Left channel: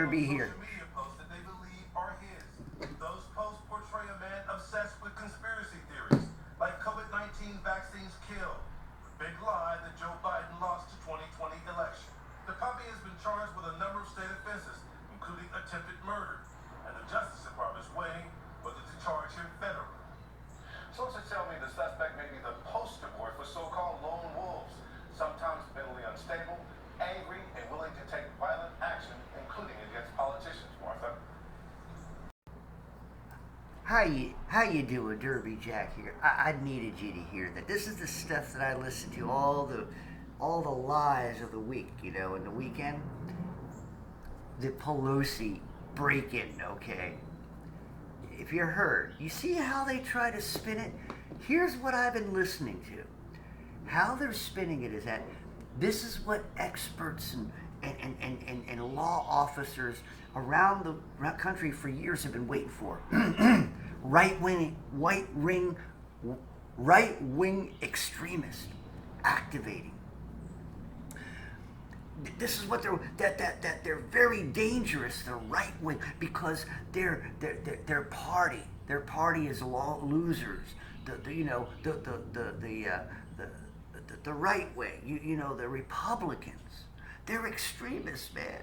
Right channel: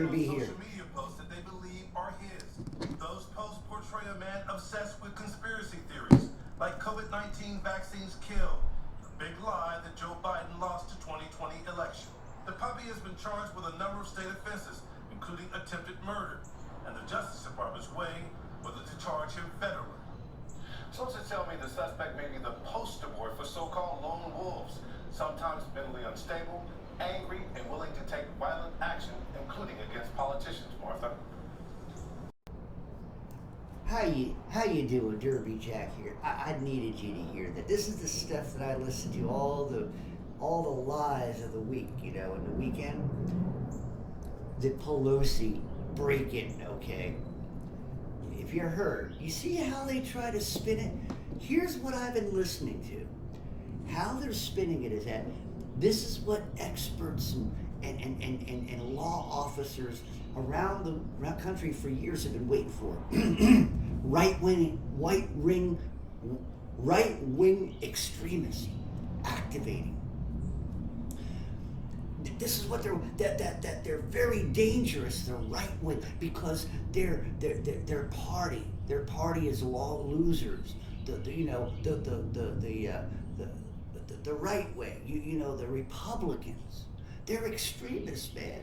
better be here. Social media posts that they believe are his. Those posts portray a man obsessed with conspiracy theories, like COVID-19 vaccines kill, the big lie that Joe Biden lost the 2020 election. The puppy has been charged with a number of state offenses, including attempted murder, and the Justice Department's weighing whether to charge him federally. Sources tell me the suspect may be the poster boy for so-called lone wolves, sometimes mentally unstable, angry, and willing to take violent action, including against politicians, Martha. How you doing, Derby Jack here? I needed you to hear that. This is the stuff that I listen to, all the lies of the week, in the weekend. The Pelosi break-in, okay? If you're hurt, you see how they try to spin it? Here's what I've been listening to. How they're spinning it is that this is what experts and law officers around the country for years have been waiting for. Right-wing extremists activating. This is what they're very dangerous. They're right wing because their party is law losers. The right wing, the Republicans, they're extremists, man.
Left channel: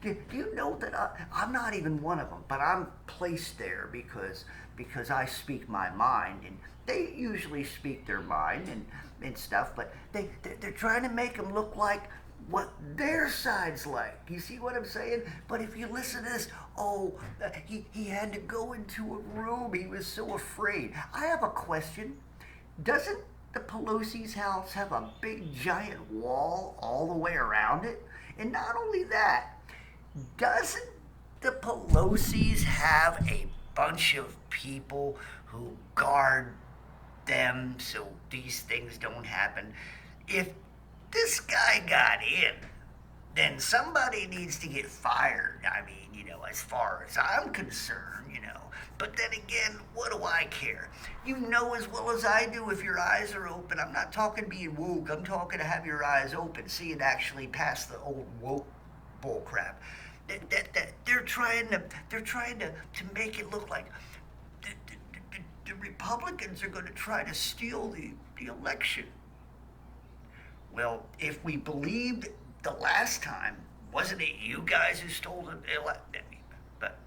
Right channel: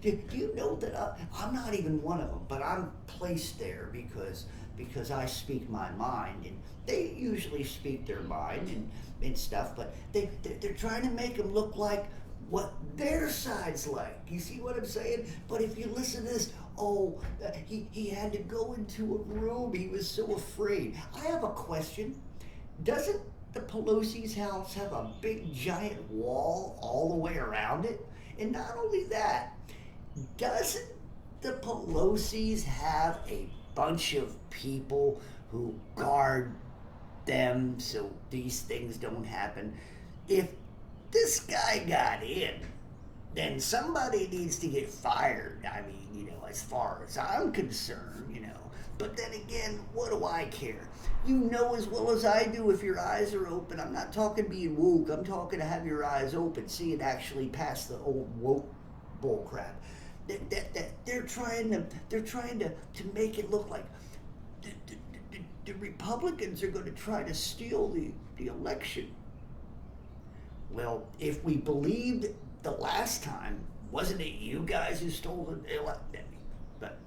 Do you know that I'm not even one of them, but I'm placed there because I speak my mind, and they usually speak their mind and stuff, but they're trying to make them look like what their side's like. You see what I'm saying? But if you listen to this, he had to go into a room. He was so afraid. I have a question. Doesn't the Pelosi's house have a big giant wall all the way around it? And not only that, doesn't the Pelosi's have a bunch of people who guard them so these things don't happen? If this guy got in, then somebody needs to get fired. I mean, as far as I'm concerned, But then again, what do I care? You know as well as I do if your eyes are open. I'm not talking being woke. I'm talking to have your eyes open, see it actually past the old woke bull crap. They're trying to make it look like the Republicans are going to try to steal the election. Well, if we believed the last time, wasn't it you guys who stole the election? But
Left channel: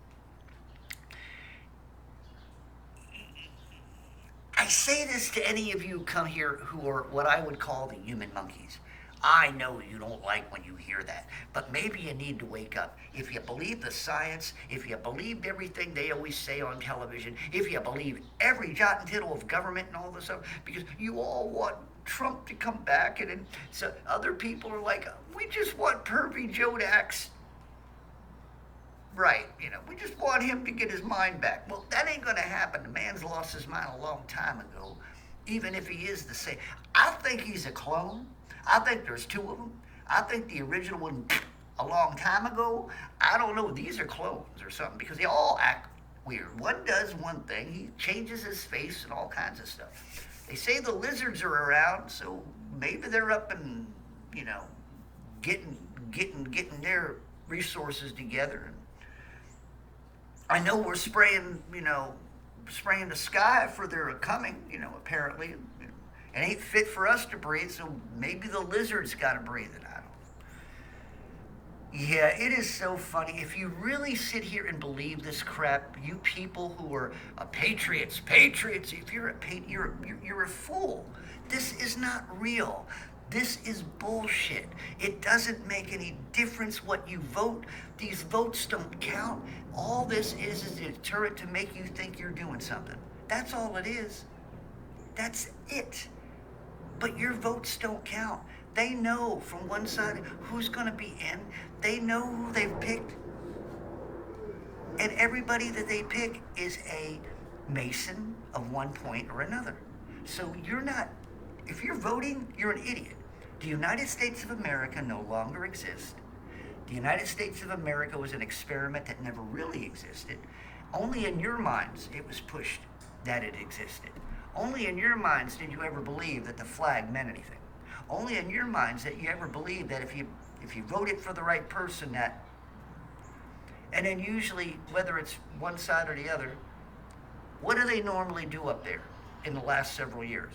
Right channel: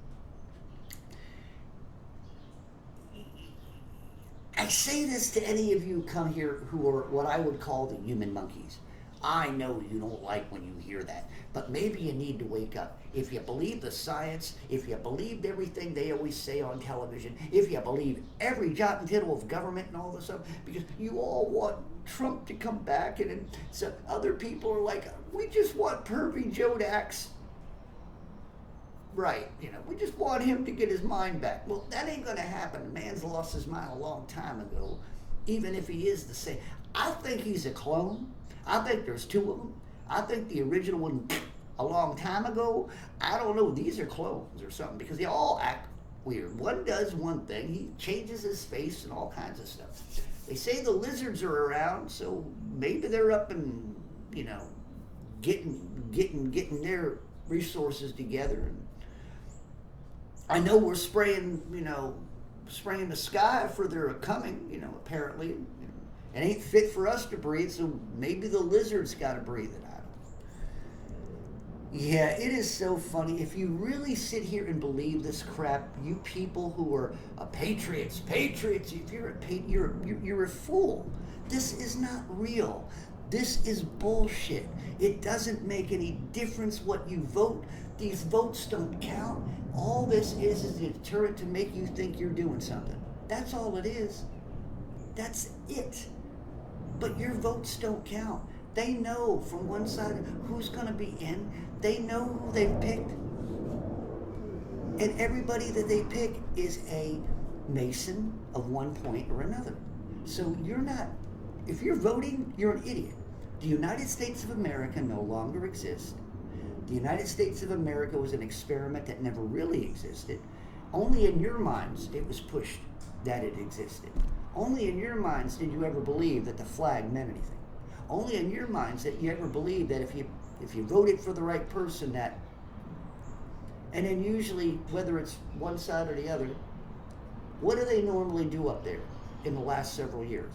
I say this to any of you who come here who are what I would call the human monkeys. I know you don't like when you hear that, but maybe you need to wake up. If you believe the science, if you believed everything they always say on television, if you believe every jot and tittle of government and all this stuff, because you all want Trump to come back, and so other people are like, we just want Pervy Joe Dax. Right, we just want him to get his mind back. Well, that ain't going to happen. The man's lost his mind a long time ago, even if he is the same. I think he's a clone. I think there's two of them. I think the original one a long time ago, I don't know, these are clones or something because they all act weird. One does one thing, he changes his face and all kinds of stuff. They say the lizards are around, so maybe they're up and, getting their resources together. I know we're spraying the sky for their coming, apparently. It ain't fit for us to breathe, so maybe the lizards got to breathe it. I don't know. Yeah, it is so funny. If you really sit here and believe this crap, you people who are patriots, if you're you're a fool. This is not real. This is bullshit. It doesn't make any difference what you vote. These votes don't count. All this is a deterrent to make you think you're doing something. That's all it is. That's it. But your votes don't count. They know from one side who's going to be in. They know who they've picked. And everybody that they pick is a Mason of one point or another. So if you're voting, you're an idiot. The United States of America no longer exists. The United States of America was an experiment that never really existed. Only in your minds it was pushed that it existed. Only in your minds did you ever believe that the flag meant anything. Only in your minds that you ever believed that if you voted for the right person, that And then usually, whether it's one side or the other, what do they normally do up there in the last several years?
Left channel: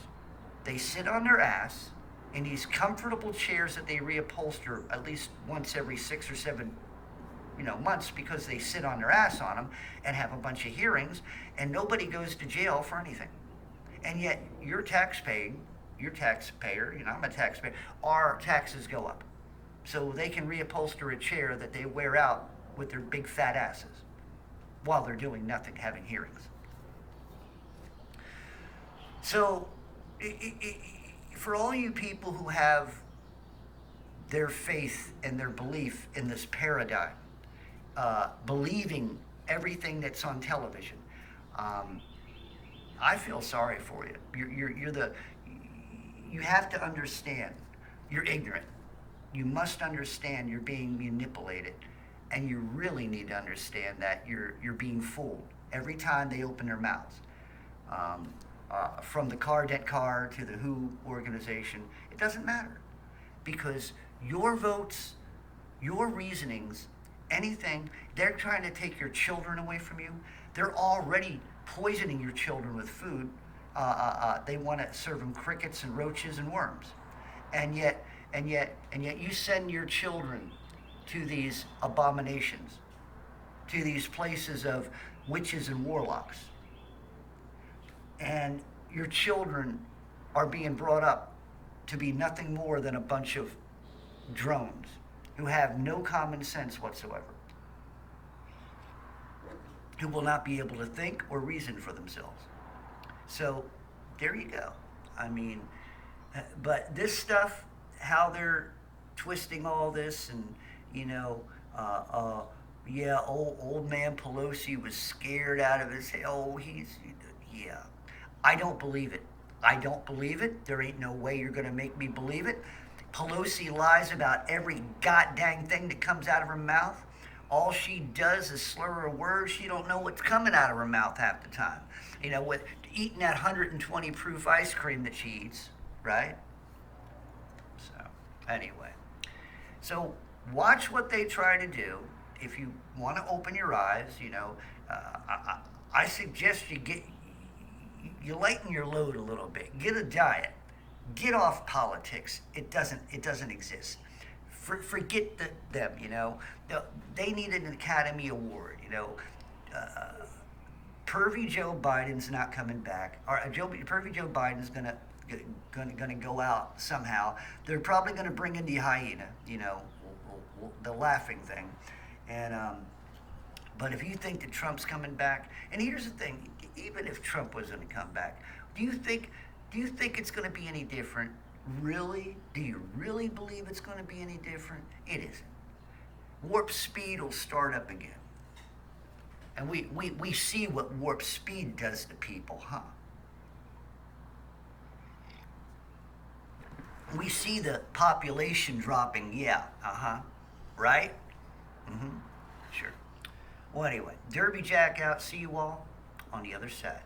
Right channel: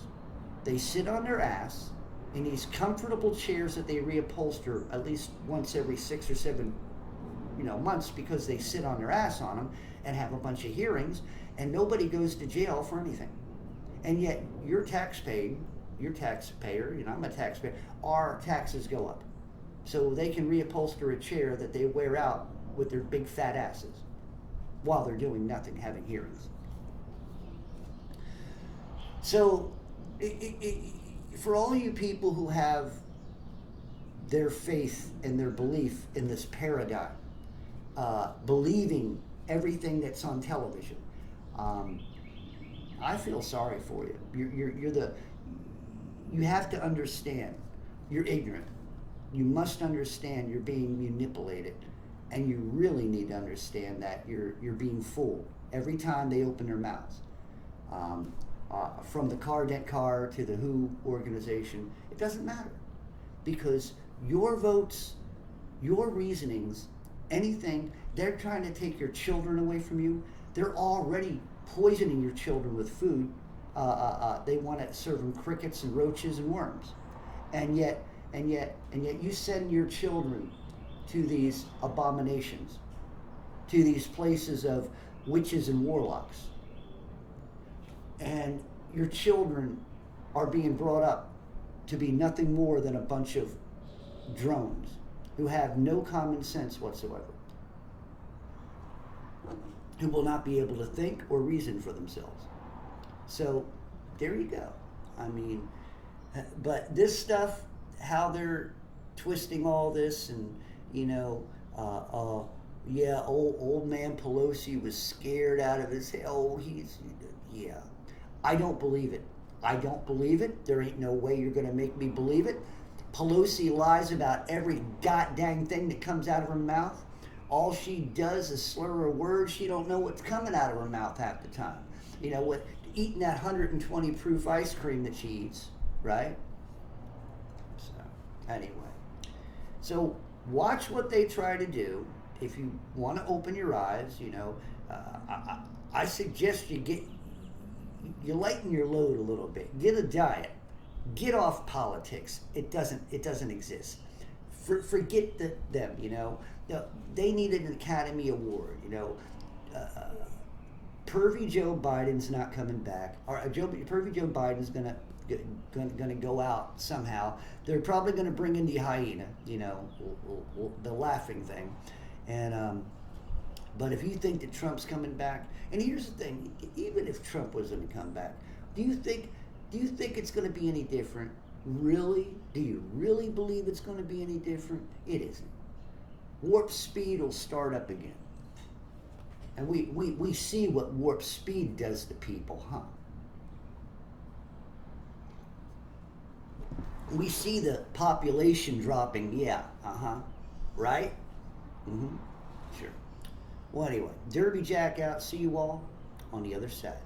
They sit on their ass in these comfortable chairs that they reupholster at least once every 6 or 7 months, because they sit on their ass on them and have a bunch of hearings, and nobody goes to jail for anything. And yet you're taxpayer, I'm a taxpayer, our taxes go up. So they can reupholster a chair that they wear out with their big fat asses while they're doing nothing, having hearings. So for all you people who have their faith and their belief in this paradigm, believing everything that's on television, I feel sorry for you. You have to understand, you're ignorant. You must understand you're being manipulated, and you really need to understand that you're being fooled every time they open their mouths. From the Dent Car to the WHO organization, it doesn't matter, because your votes, your reasonings, anything, they're trying to take your children away from you. They're already poisoning your children with food. They want to serve them crickets and roaches and worms, and yet you send your children to these abominations, to these places of witches and warlocks, and your children are being brought up to be nothing more than a bunch of drones who have no common sense whatsoever, who will not be able to think or reason for themselves. So there you go. I mean, but this stuff, how they're twisting all this, and yeah, old man Pelosi was scared out of his head. Oh, yeah. I don't believe it. I don't believe it. There ain't no way you're going to make me believe it. Pelosi lies about every goddamn thing that comes out of her mouth. All she does is slur a word. She don't know what's coming out of her mouth half the time. With eating that 120 proof ice cream that she eats, right? So, anyway. So, watch what they try to do. If you want to open your eyes, I suggest you lighten your load a little bit. Get a diet. Get off politics. It doesn't exist. Forget them. They need an Academy Award. Pervy Joe Biden's not coming back. Pervy Joe Biden's gonna go out somehow. They're probably gonna bring in the hyena. The laughing thing. And but if you think that Trump's coming back, and here's the thing, even if Trump was going to come back, do you think it's going to be any different? Really? Do you really believe it's going to be any different? It isn't. Warp speed will start up again. And we see what warp speed does to people, huh? We see the population dropping, yeah, right? Mm-hmm. Sure. Well, anyway, Derby Jack out. See you all on the other side.